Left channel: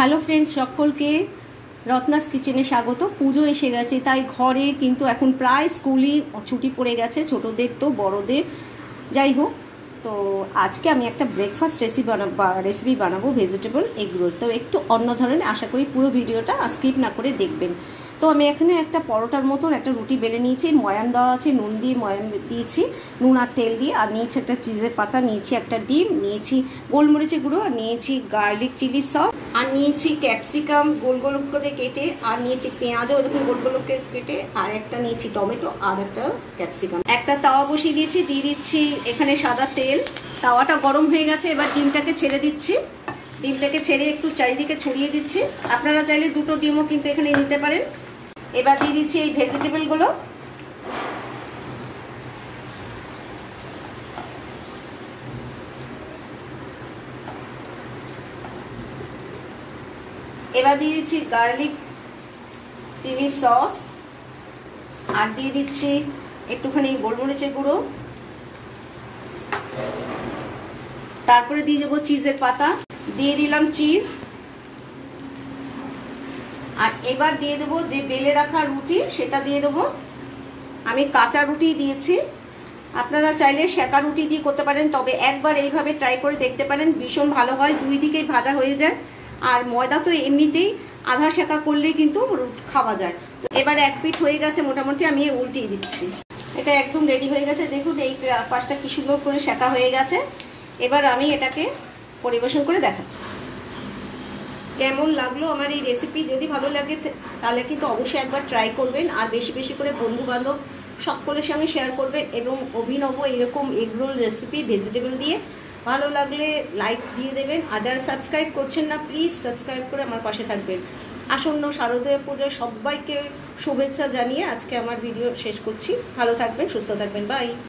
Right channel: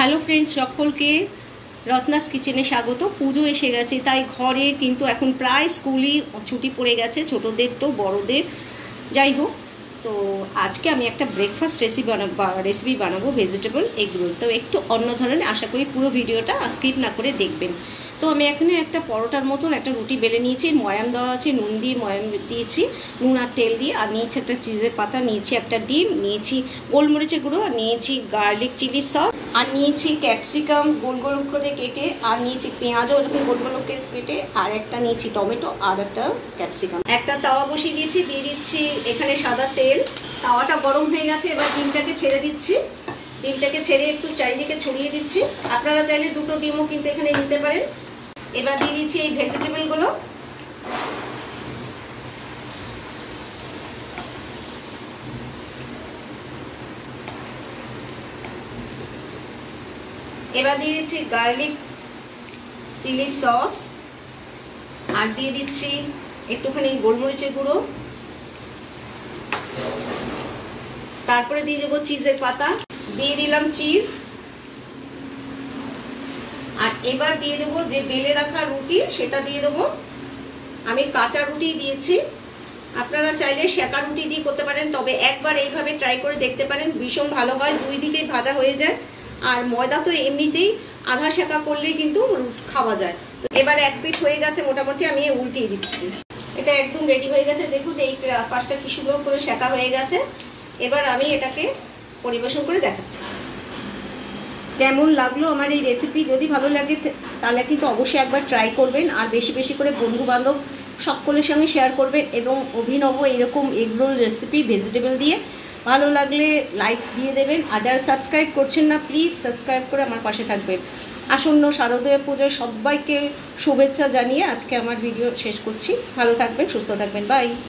Hello friends, সকলকে রত্নাস কিচেনে স্বাগত। পুজো এসে গেছে, তাই ঘরে কিন্তু এখন প্রায় স্কুলই ছুটি পড়ে গেছে, ছোটদের তো বড়দের, যাই হোক। তো আজকে আমি একটা ব্রেকফাস্ট রেসিপি বানাবো, ভেজিটেবল এগ রোল। তো একটু অন্য ধরনের, আশা করি পুরো ভিডিওটা স্কিপ না করে দেখবেন। তো আমি এখানে একটা পরোটার মতন একটা রুটি বেলে নিয়েছি, ময়াম দেওয়া আছে, নুন দিয়ে ময়াম দিয়েছি, নুন আর তেল দিয়ে, আর নিয়েছি একটা চিজের পাতা, নিয়েছি একটা ডিম, নিয়েছি গোলমরিচের গুঁড়ো, আর নিয়েছি গার্লিক চিলি সস, আর নিয়েছি ক্যাপসিকাম গোল গোল করে কেটে, আর নিয়েছি পেঁয়াজও এরকম গোল গোল করে কেটে, আর একটা নিয়েছি টমেটো আর একটা ক্যাপসিকাম। একটা তাওয়া বসিয়ে দিয়েছি, দিয়ে দিচ্ছি এখানে সাদা তেল। তাওয়াটা গরম হয়ে গেছে, এবার ডিমটাকে ছেড়ে দিচ্ছি। ডিমটাকে ছেড়ে একটু চারিদিকে ছড়িয়ে দিচ্ছি। আপনারা চাইলে দুটো ডিমও কিন্তু এখানে নিতে পারেন। এবার দিয়ে দিচ্ছি এই ভেজিটেবলগুলো। এবার দিয়ে দিচ্ছি গার্লিক চিলি সস, আর দিয়ে দিচ্ছি একটুখানি গোলমরিচের গুঁড়ো, তারপরে দিয়ে দেবো চিজের পাতা, দিয়ে দিলাম চিজ, আর এবার দিয়ে দেবো যে বেলে রাখা রুটি, সেটা দিয়ে দেবো। আমি কাঁচা রুটি দিয়েছি, আপনারা চাইলে সেকা রুটি দিয়ে করতে পারেন, তবে একবার এইভাবে ট্রাই করে দেখতে পারেন, ভীষণ ভালো হয়, দুই দিকেই ভাজা হয়ে যায়। আর ময়দা তো এমনিতেই আধা সেকা করলেই কিন্তু খাওয়া যায়। তো এবার এক পিঠ হয়ে গেছে মোটামুটি, আমি উল্টিয়ে দিচ্ছি। এটা একদম রেডি হয়ে গেছে, দেখুন এই পাশটা কি সুন্দর করে সেকা হয়ে গেছে। এবার আমি এটাকে পরিবেশন করে দেখাচ্ছি। কেমন লাগলো আমার এই রেসিপি? যদি ভালো লাগে তাহলে কিন্তু অবশ্যই একবার ট্রাই করবেন, আর বেশি বেশি করে বন্ধু বান্ধব সকলের সঙ্গে শেয়ার করবেন। এবং অভিনব এরকম এগ রোল রেসিপি ভেজিটেবল দিয়ে ভালো লাগলে লাইক দিয়ে দেবেন, আর যারা সাবস্ক্রাইব করছেন না প্লিজ সাবস্ক্রাইব করে আমার পাশে থাকবেন। আসন্ন শারদীয় পুজোয় সবাইকে শুভেচ্ছা জানিয়ে আজকে আমার ভিডিও শেষ করছি। ভালো থাকবেন, সুস্থ থাকবেন, বাই।